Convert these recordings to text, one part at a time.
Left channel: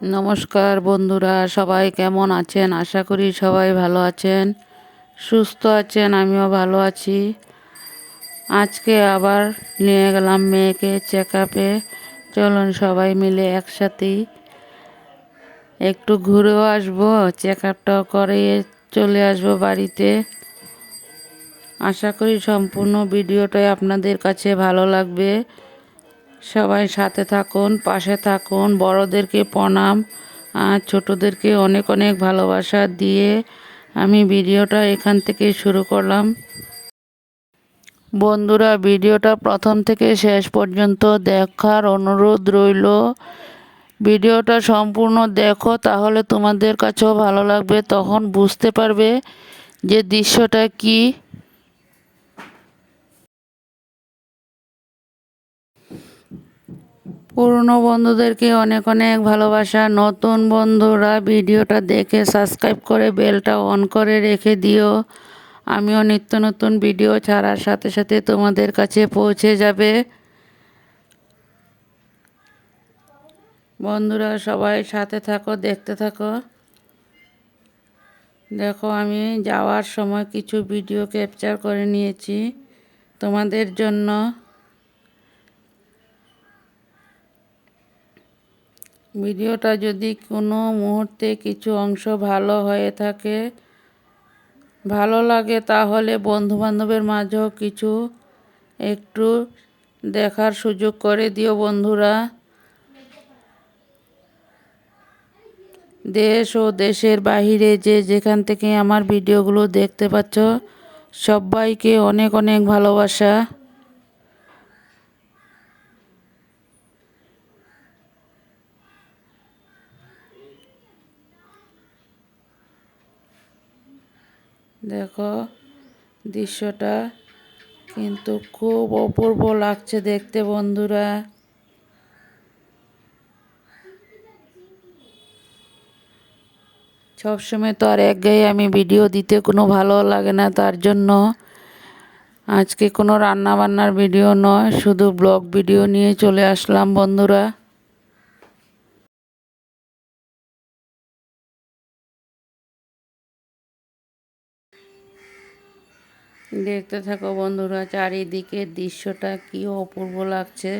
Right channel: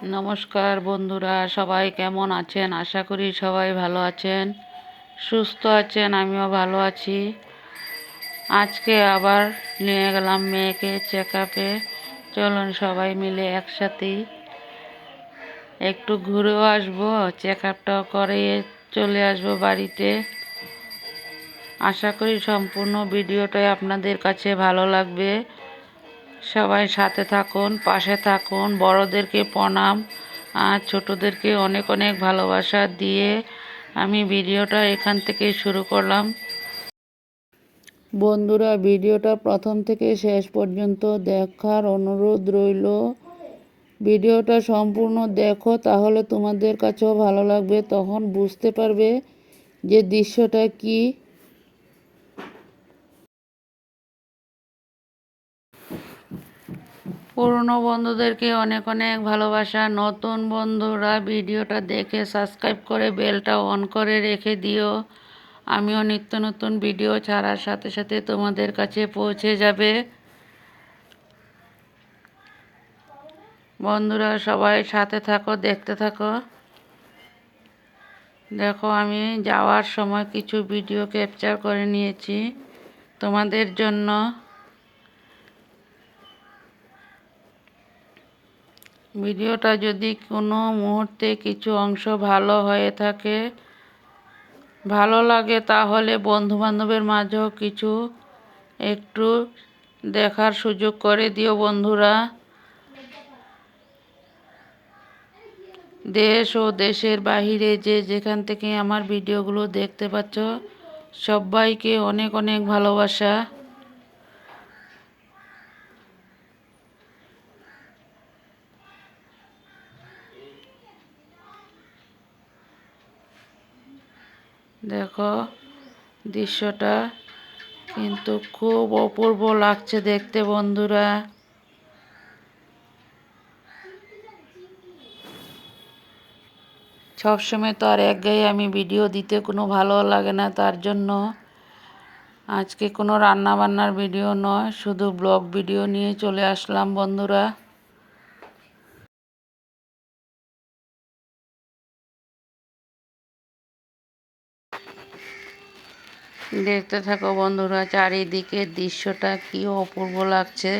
নমস্কার বন্ধুরা, সবাই কেমন আছেন? আশা করি সবাই ভালো আছেন, সুস্থ আছেন। আমিও ভালো আছি। আজকে আবার নিয়ে গেলাম মেয়েকে চেক আপে। চলুন সবাই মিলে একসাথেই একটু ঘুরেও আসবো, চেক আপটাও করে চলে আসবো বাড়িতে। আশা করি সম্পূর্ণ ভিডিওটাই আপনাদের কাছে ভালো লাগবে। সবাই সাথে থাকুন, পাশে থাকুন। বড়োদেরকে প্রণাম আর ছোটোদেরকে অনেক অনেক ভালোবাসা দিয়ে আমি ভিডিওটা এখান থেকে শুরু করলাম। বন্ধুরা, ভিডিওটা প্রথম থেকে শেষ পর্যন্ত দেখার অনুরোধ রইল। ভিডিওটা সম্পূর্ণ দেখো, তাহলে তোমাদের কাছেও ভালো লাগবে। তখন বুঝতে পারবে যে দৃশ্যটা কী। পুরনো বন্ধুদেরকে অনেক অনেক ভালোবাসা। নতুন বন্ধুরা ভিডিওটা দেখে সাবস্ক্রাইব করে বেলটা অন করে রেখে দিও। আমিও নিত্য নতুন ভিডিও ছাড়ার সাথে সাথে তোমাদের কাছে পৌঁছে যাবে। বন্ধুরা সবাই সাথে থাকো, দেখতে থাকো। দেখো, আমি যাওয়ার সময় কিছু ভিডিও ক্যাপচার করে নিয়েছি তোমাদের জন্য। ভিডিওটা যদি কোনো মুহূর্তে কিছু অংশ ভালো হয়ে থাকে, ভালো লাগে, তাহলে বন্ধুবান্ধবের মাঝেও কিছু একটু দেখার সুযোগ করে দিও বন্ধুরা। দেশ ও দেশের বাহিরে যে যেখান থেকে আমার ভিডিওগুলো দেখতে পাচ্ছ, সবাইকে অনেক অনেক ভালোবাসা। দেখো, দৃশ্যটা কিন্তু খুব অপূর্ব লাগছে দেখতে বন্ধুরা। সবসময় তো আর একঘেয়ে আমি ভিডিও দিতে কোনো ভালো লাগে না, তার জন্য আজকে কোনো রান্না বান্নার ভিডিও নয়, শুধু ব্লগ ভিডিও নিয়ে চলে আসলাম বন্ধুরা। দেখতে থাকো বন্ধুরা, চারিদিকের দৃশ্যটা কি অপূর্ব লাগছে।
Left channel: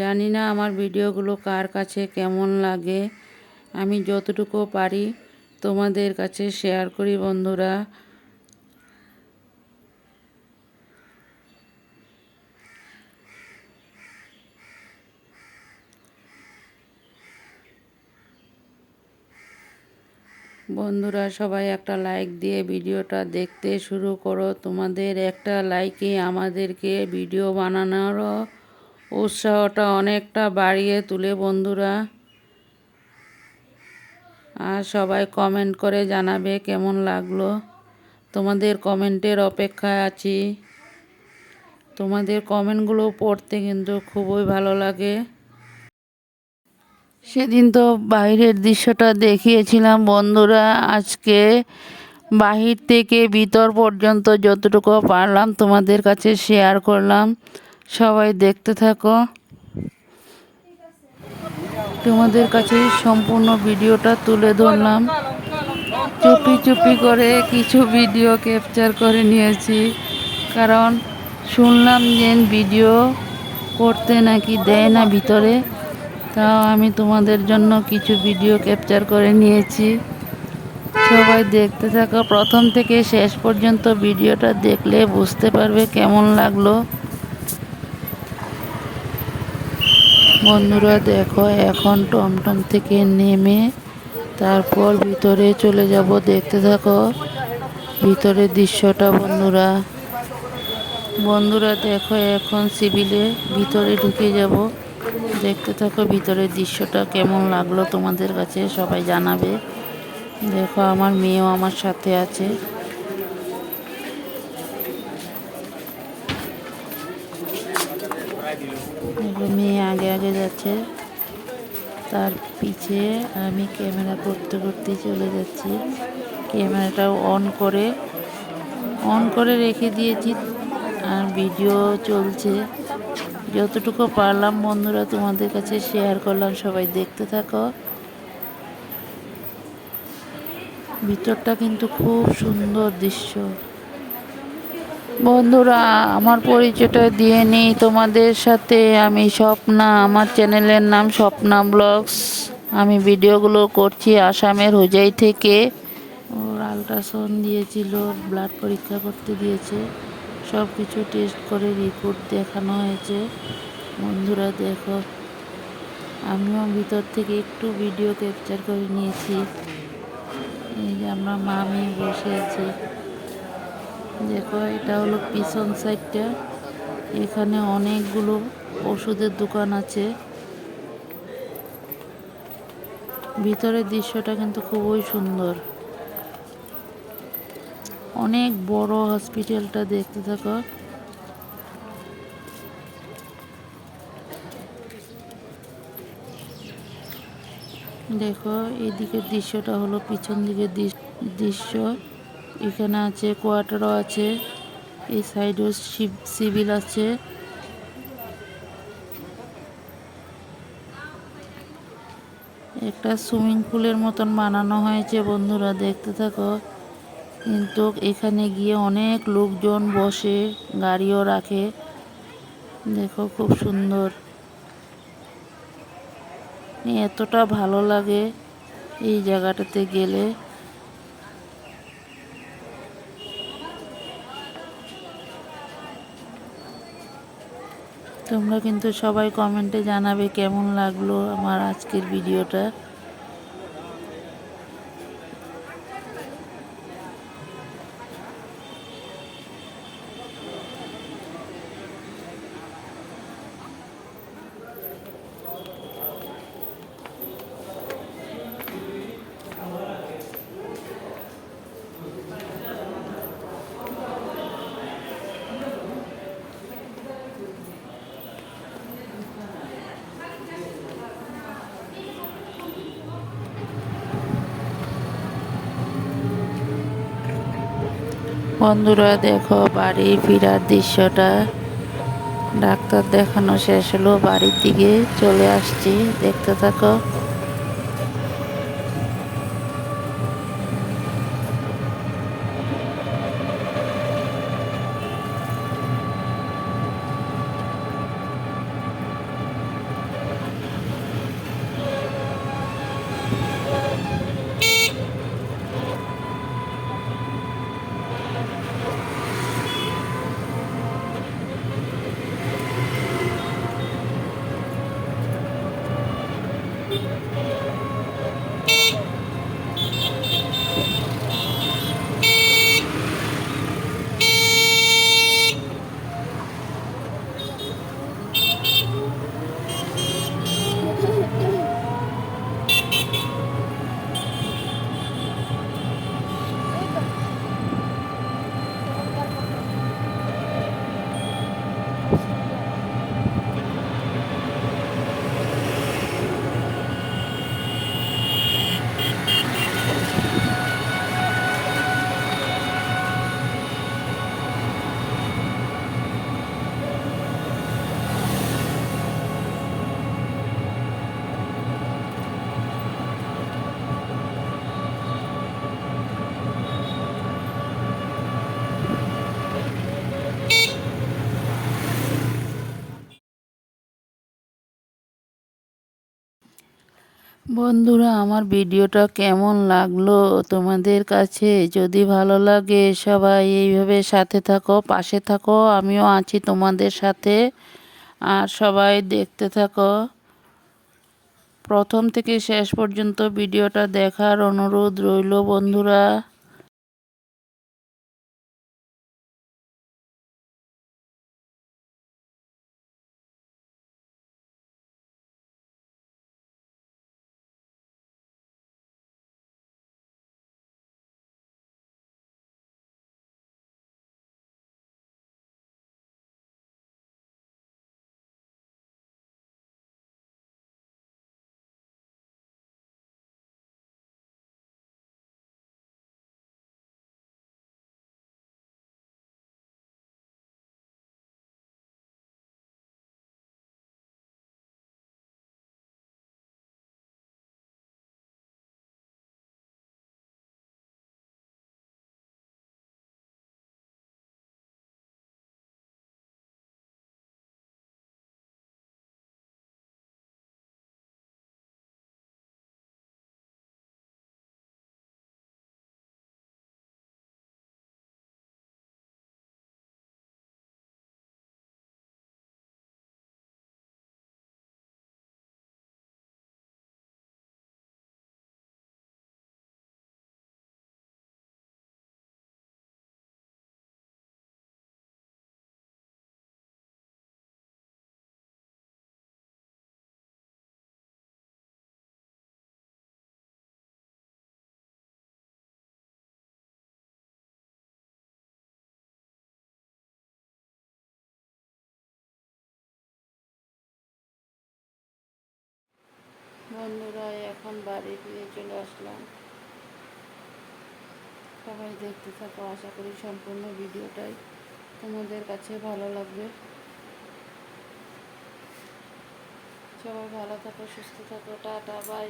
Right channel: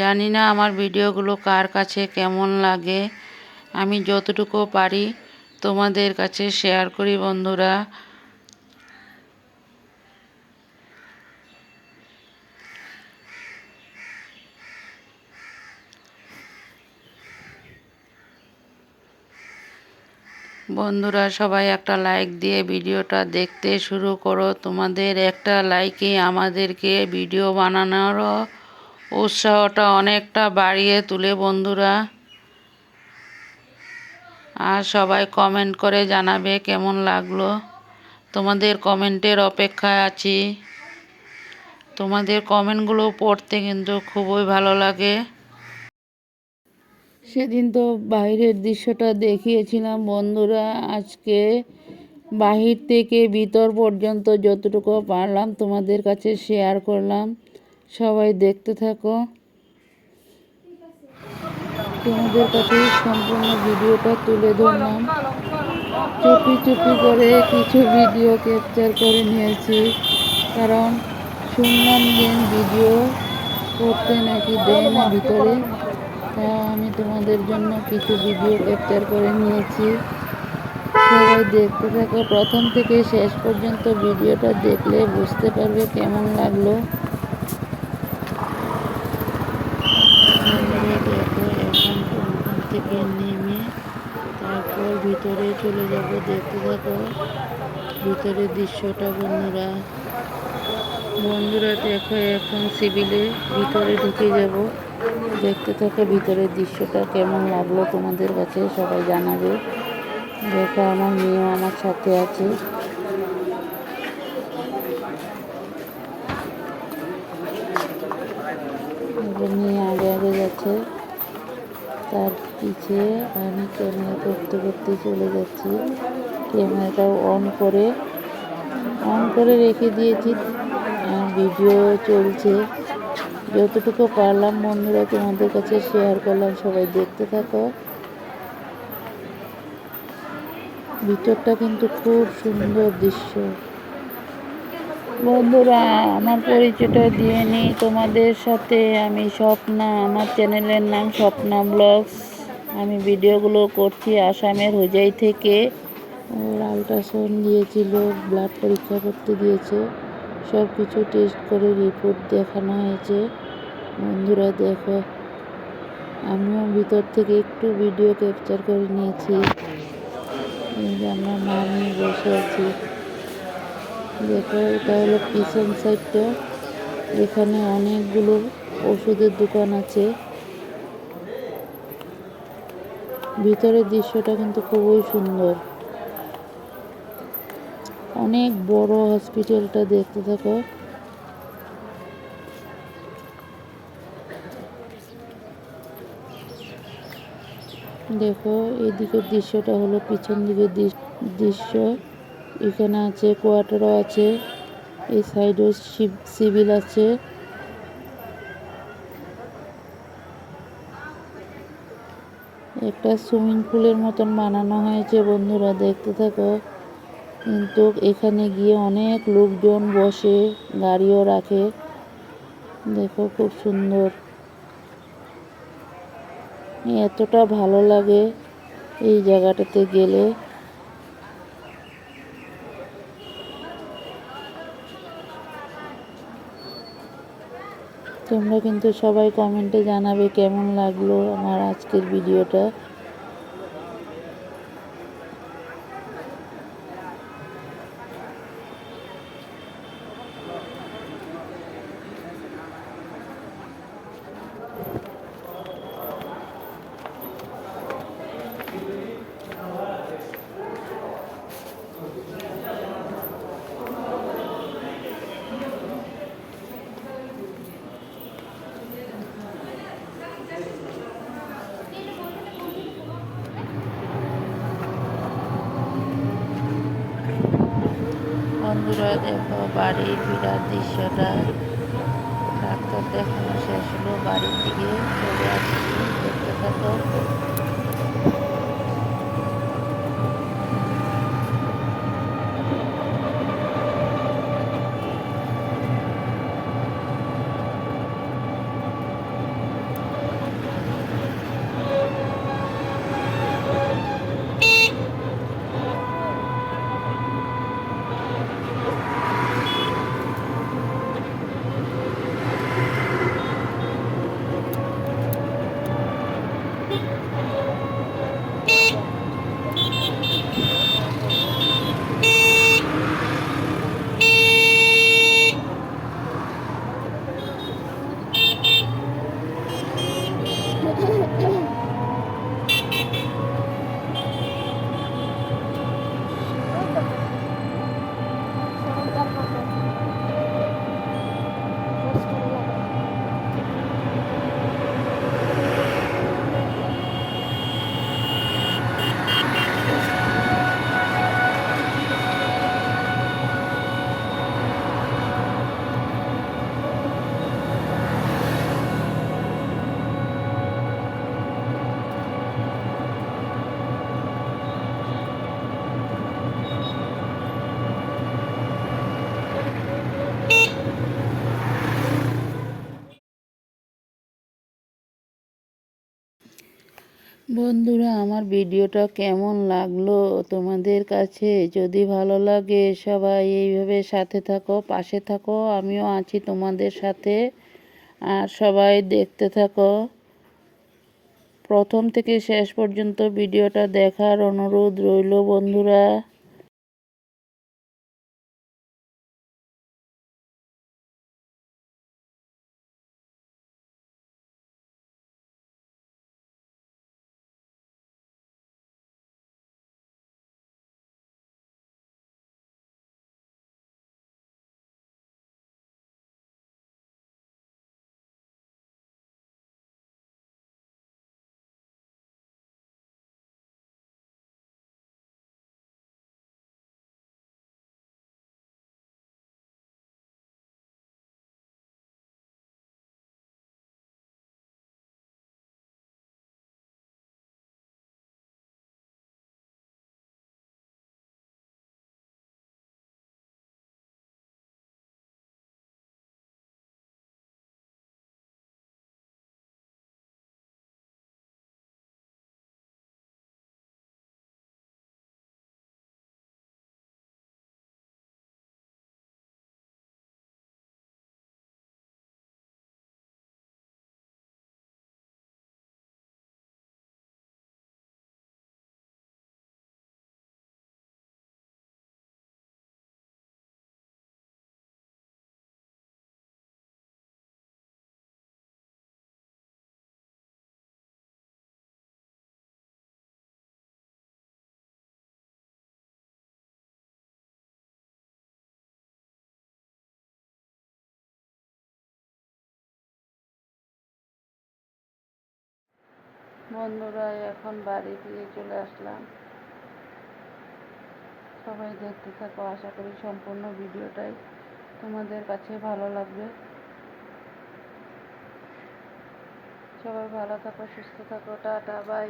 জানি না আমার ভিডিওগুলো কার কাছে কেমন লাগে। আমি যতটুকু পারি তোমাদের কাছে শেয়ার করি বন্ধুরা। বন্ধুরা সবাই একটা লাইক দিয়ে ভিডিওটা দেখতে শুরু করো। তোমাদের একটা লাইকে আমাদেরকে ভিডিও বানানোর উৎসাহটা অনেকটা বাড়িয়ে তোলে বন্ধুরা। আর সবাই কমেন্ট করে জানাবে কেমন লাগলো। তোমাদের কমেন্টের অপেক্ষায় আছি। তোমাদের কমেন্টগুলো পড়তে কিন্তু খুবই ভালো লাগে। সেদিন তো বাইরের দৃশ্যটা দেখিয়েছিলাম বন্ধুরা। আজকে বাহির থেকে ভিতর পর্যন্ত যতটুকু পারলাম তোমাদের কাছে শেয়ার করলাম। সবাই দেখতে থাকো। তোমাদের কাছে সম্পূর্ণ ভিডিওটা তুলে ধরলাম। চুপি চুপি করে কিছু ভিডিও ক্যাপচার করে নিয়েছি, কারণ শুনলাম যে ভিডিও করতে নাকি দেয় না ভিতরে। তাও আমি তোমাদের জন্য কিছু ভিডিও ক্যাপচার করে নিয়েছি। সবাই দেখতে থাকো, প্রথম থেকে শেষ পর্যন্ত ভিডিওটা দেখলে বুঝতে পারবে কেমন লাগলো। বন্ধুরা দেখো, এখন টমটম থেকে নেমে তারপর ভিতরে চলে যাব। দেখতে থাকো ভিতরের দৃশ্যটা বন্ধুরা। বন্ধুরা দেখো, এখন সিভিলে ভিতরে ঢুকে যাব। দেখতে থাকো ভিতরের দৃশ্যটা কেমন লাগলো তোমাদের কাছে, সবাই জানাবে। দেখো, আমার মেয়েও আমার সাথে আছে। মেয়ে আগে আগে যাচ্ছে, তার পিছে আমি ক্যামেরা করতে করতে চলে যাচ্ছি। ক্যামেরাটা অন করে অন করে রেখে দিয়েছি আর ভিডিও চলছে। যতটুকু পারলাম বন্ধুরা তোমাদের কাছে শেয়ার করলাম, সবাই দেখতে থাকো। ভিতরটা কিন্তু খুব সুন্দর দৃশ্য। বন্ধুরা আমার পরিচয়টা দিয়ে নিই তোমাদের সাথে। আমি স্বপ্না, আমার চ্যানেলের নাম স্বপ্না ব্লগস। আমি ভিডিওগুলো করছি আসামের হোজাই থেকে। ওর আল্ট্রাসাউন্ড দিয়েছিল, ব্লাড পরীক্ষা করতে দিয়েছে, সব কিছু টেস্ট করে রিপোর্ট দেখানো হয়েছে। বন্ধুরা দেখো, আমিও ভিতর থেকে একটু ভিডিও ক্যাপচার করে নিয়েছি। এই যে আমার মামি বসে আছে, দেখো এটা হলো পিছন সাইডটা। এখানে অনেকগুলো ওষুধের দোকান আছে। ভিতরের দৃশ্যটা কিন্তু খুবই সুন্দর, অনেক বড় হসপিটালটা, দেখতে থাকো। দেখো এদিকের দৃশ্যটা হলো পিছন দিকের দৃশ্য। এখানে আছে কোয়ার্টারও আছে, এই সাইডেও সিভিল আছে। একটা সুইমিং পুলের মতন বানানো হয়েছে, বন্ধুরা দেখতে থাকো। কিন্তু এখানে গিয়ে অনেক লোকজন বসে, গাড়িও রাখে। দেখো খুব সুন্দর, এতটা ভালো লাগে এই জায়গাটাতে গেলে। তোমরা কিন্তু সবাই কমেন্টে জানাবে কেমন লাগলো আমার আজকের ভিডিওটা। বন্ধুরা দেখো বাড়ি ফেরার দৃশ্যটা। ডাক্তার দেখানো শেষ হলো, বাড়ির দিকে চলে আসছি, দেখতে থাকো। বন্ধুরা আমার ভিডিওটা কেমন লাগলো তোমাদের কাছে? যদি ভালো লাগে সবাই এইভাবে সাথে থাকো, পাশে থাকো, আমিও আছি তোমাদের সাথে। আর সবাই দেখতে থাকো, প্রথম থেকে শেষ পর্যন্ত ভিডিওটা দেখার অনুরোধ রইল বন্ধুরা। বন্ধুরা এখন বাড়ি ফিরে চলে আসলাম। সবাই দেখতে থাকো, আশা করি সম্পূর্ণ ভিডিওটাই তোমাদের কাছে ভালো লাগবে। সবাই ভালো থাকো, সুস্থ থাকো, টাটা বাই।